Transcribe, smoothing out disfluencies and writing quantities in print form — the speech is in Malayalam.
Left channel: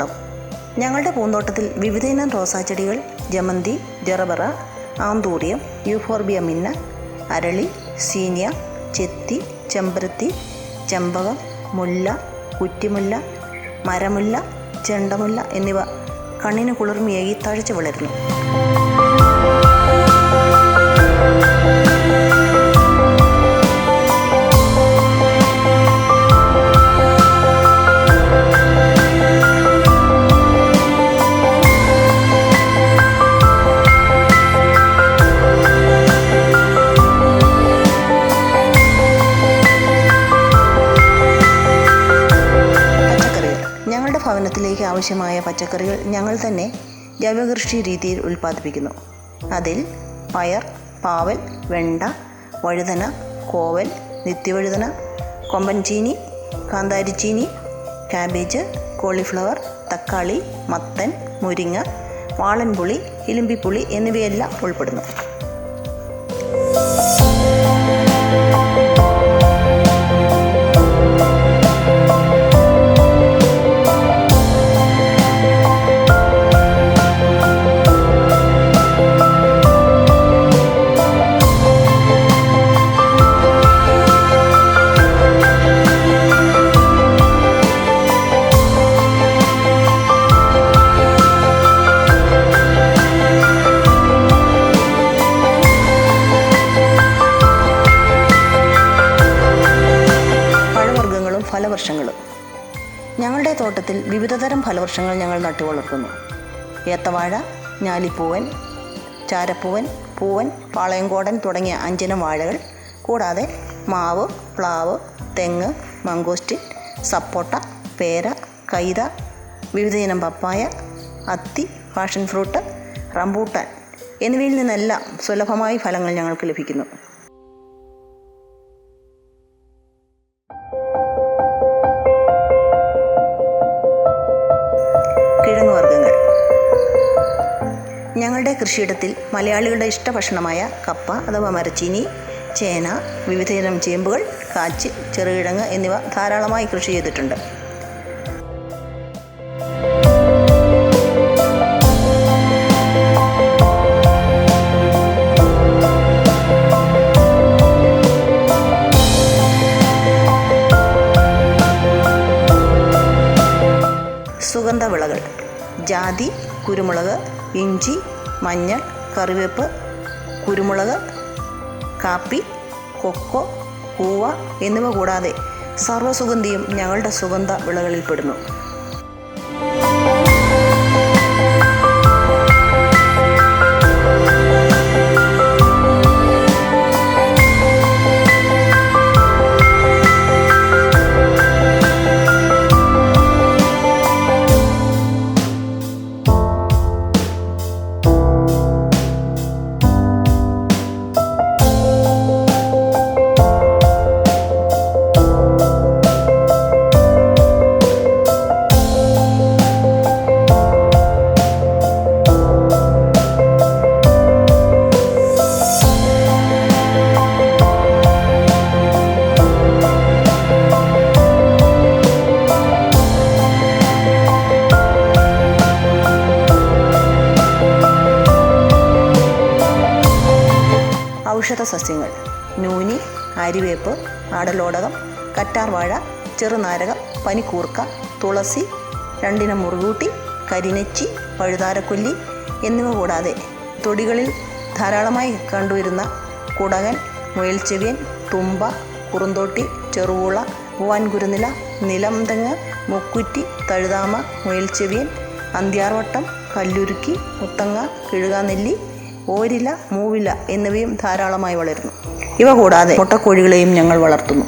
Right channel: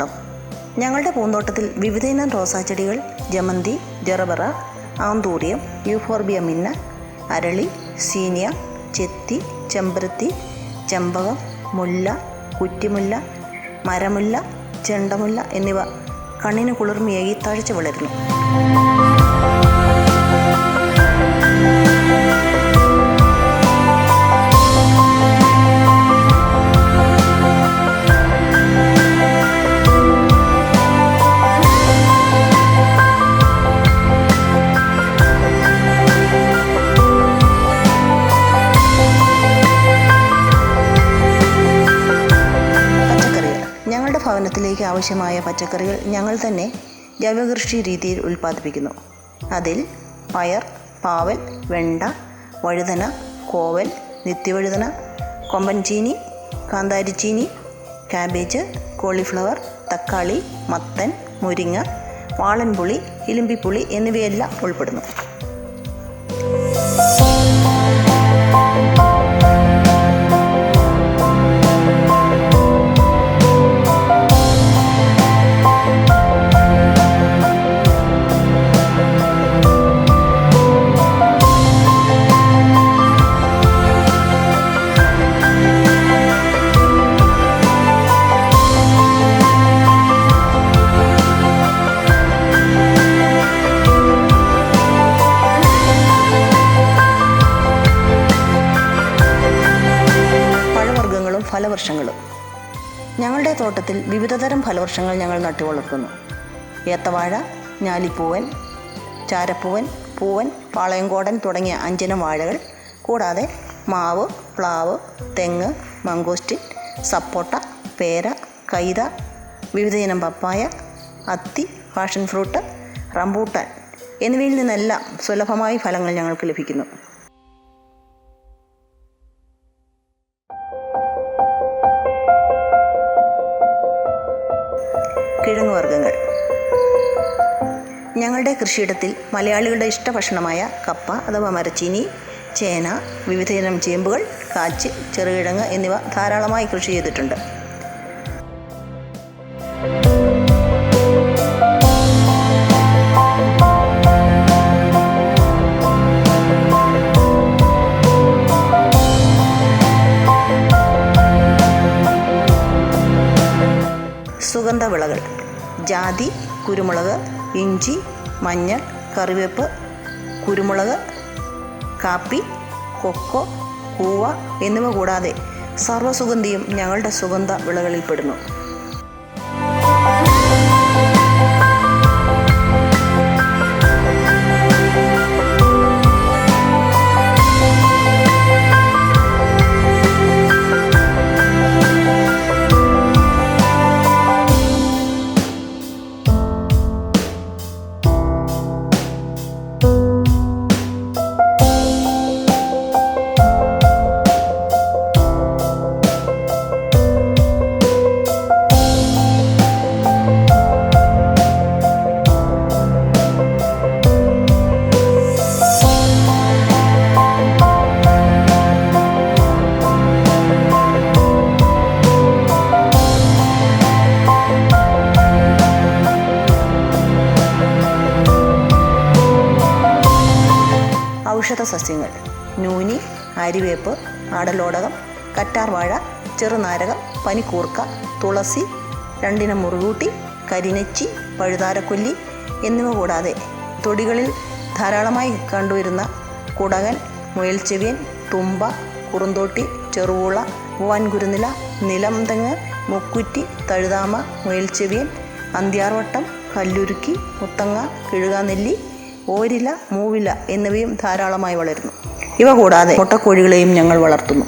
റോസാത്തോട്ടം. ഞങ്ങളുടെ പൂന്തോട്ടത്തിൽ വിവിധയിനം റോസാച്ചെടികൾ, ജമന്തി, ജറബറ, ആന്തൂറിയം, യൂഫോർബിയ മിന്ന, അരളി, സീനിയ, ചെത്തി, ചെമ്പരത്തി, ചെമ്പകം, മുല്ല, കുറ്റിമുല്ല, മരമുല്ല, ചെണ്ടമുല്ല എന്നിവ കണ്ണിന് കുളിർമയേകി തഴച്ചു വളരുന്നു. ഞങ്ങളുടെ ഭവനത്തിലേക്ക് ആവശ്യമായ പച്ചക്കറികൾ ഞങ്ങൾ തന്നെ ജൈവകൃഷി രീതിയിൽ ഉൽപ്പാദിപ്പിക്കുന്നു. അതിൽ പയർ, പാവൽ, വെണ്ട, വഴുതന, കോവൽ, നിത്യവഴുതന, കൊമ്പൻചീനി, കാന്താരിച്ചീനി, കാബേജ്, കോളിഫ്ലവർ, തക്കാളി, മത്തൻ, മുരിങ്ങ, വാളൻപുളി, ഇലിമ്പിപ്പുളി എന്നിവയെല്ലാം ഉൾപ്പെടുന്നു. ഫലവൃക്ഷങ്ങളും. ഞങ്ങളുടെ തോട്ടത്തിൽ വിവിധതരം ഫലവൃക്ഷങ്ങൾ ഞങ്ങൾ നട്ടുവളർത്തുന്നു. ഏത്തവാഴ, ഞാലിപ്പൂവൻ, ചാരപ്പൂവൻ, പൂവൻ, പാളയംകോടൻ തുടങ്ങിയ 5 ഇനം വാഴകൾ, കൂടാതെ മാവ്, പ്ലാവ്, തെങ്ങ്, മംഗോസ്റ്റിൻ, സപ്പോട്ട, പേര, കൈത, വിവിധയിനം പപ്പായ, അത്തി, പാഷൻ ഫ്രൂട്ട്, റംബൂട്ടാൻ എന്നിവയിൽ നിന്നെല്ലാം സുലഭമായി ഫലങ്ങൾ ഞങ്ങൾക്ക് ലഭിക്കുന്നു. കിഴങ്ങുവർഗ്ഗങ്ങൾ. ഞങ്ങളുടെ കൃഷിയിടത്തിൽ മലയാളികളുടെ ഇഷ്ടഭക്ഷണമായ കപ്പ അഥവാ മരച്ചീനി, ചേന, വിവിധയിനം ചേമ്പുകൾ, കാച്ച്, ചെറുകിഴങ്ങ് എന്നിവ ധാരാളമായി കൃഷി ചെയ്തിട്ടുണ്ട്. സുഗന്ധവിളകൾ: ജാതി, കുരുമുളക്, ഇഞ്ചി, മഞ്ഞൾ, കറിവേപ്പ്, കുരുമുളക്, കാപ്പി, കൊക്കോ, കൂവ എന്നിവ കൂടാതെ സർവ്വസുഗന്ധിയും ഞങ്ങളുടെ സുഗന്ധ വിളകളിൽപ്പെടുന്നു. ഔഷധ സസ്യങ്ങൾ: നൂനി, ആര്യവേപ്പ്, ആടലോടകം, കറ്റാർവാഴ, ചെറുനാരകം, പനിക്കൂർക്ക, തുളസി, 2 ഇനം മുറുകൂട്ടി, കരിനെച്ചി, പഴുതാരക്കൊല്ലി എന്നിവ കൂടാതെ തൊടികളിൽ ധാരാളമായി കണ്ടുവരുന്ന കുടകൻ, മുയൽച്ചെവിയൻ, തുമ്പ, കുറുന്തോട്ടി, ചെറുവൂള, പൂവാൻകുരുനില, നിലംതെങ്ങ്, മുക്കുറ്റി, തഴുതാമ, മുയൽച്ചെവിയൻ, അന്ത്യാർവട്ടം, കല്ലുരുക്കി, മുത്തങ്ങ, കിഴുകാനെല്ലി, ഓരില, മൂവില എന്നിവയും ധാരാളമായി വളരുന്നു. ഇവ കൂടാതെ മുട്ടക്കോഴികളെയും ഞങ്ങൾ വളർത്തുന്നു.